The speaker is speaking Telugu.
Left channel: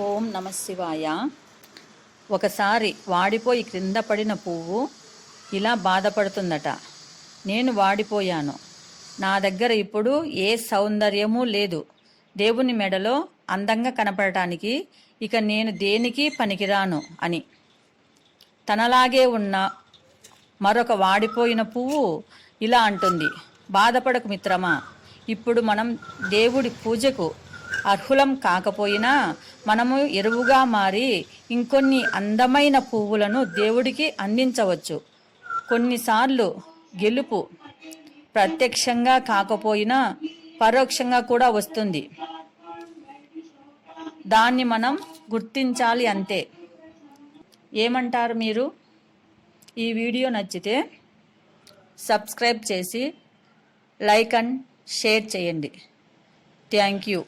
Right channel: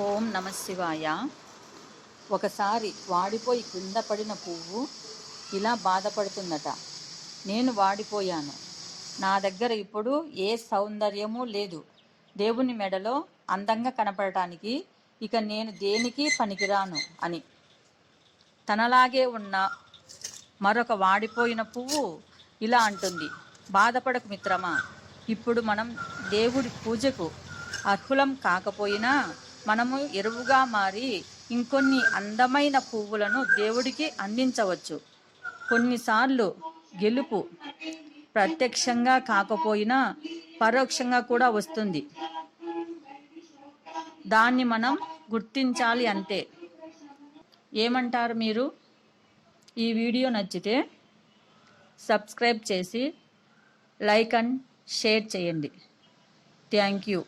ఓం నమ శివాయ. ఒకసారి వాడిపోయి క్రింద పడిన పువ్వు ఇలా బాధపడుతుందట. నేను వాడిపోయాను. నా దగ్గర ఇప్పుడు ఏ సౌందర్యము లేదు. దేవుని మెడలో అందంగా కనపడటానికి ఇక నేను దేనికి పనికిరాను అని. తనలాగే ఉన్న మరొక వాడిపోయిన పువ్వు ఇలా అంటుంది. బాధపడకు మిత్రమా. ఇప్పుడు మనం దేవుడి పూజకు అర్హులం కాకపోయినా మనము ఎరువుగా మారి ఇంకొన్ని అందమైన పువ్వులను దేవుడికి అందించవచ్చు. కొన్నిసార్లు గెలుపు ప్రత్యక్షంగా కాకపోయినా పరోక్షంగా కూడా వస్తుంది. దాన్ని మనం గుర్తించాలి అంతే. ఏమంటారు మీరు? ఈ వీడియో నచ్చితే సబ్స్క్రైబ్ చేసి లైక్ అండ్ షేర్ చేయండి. Thank you.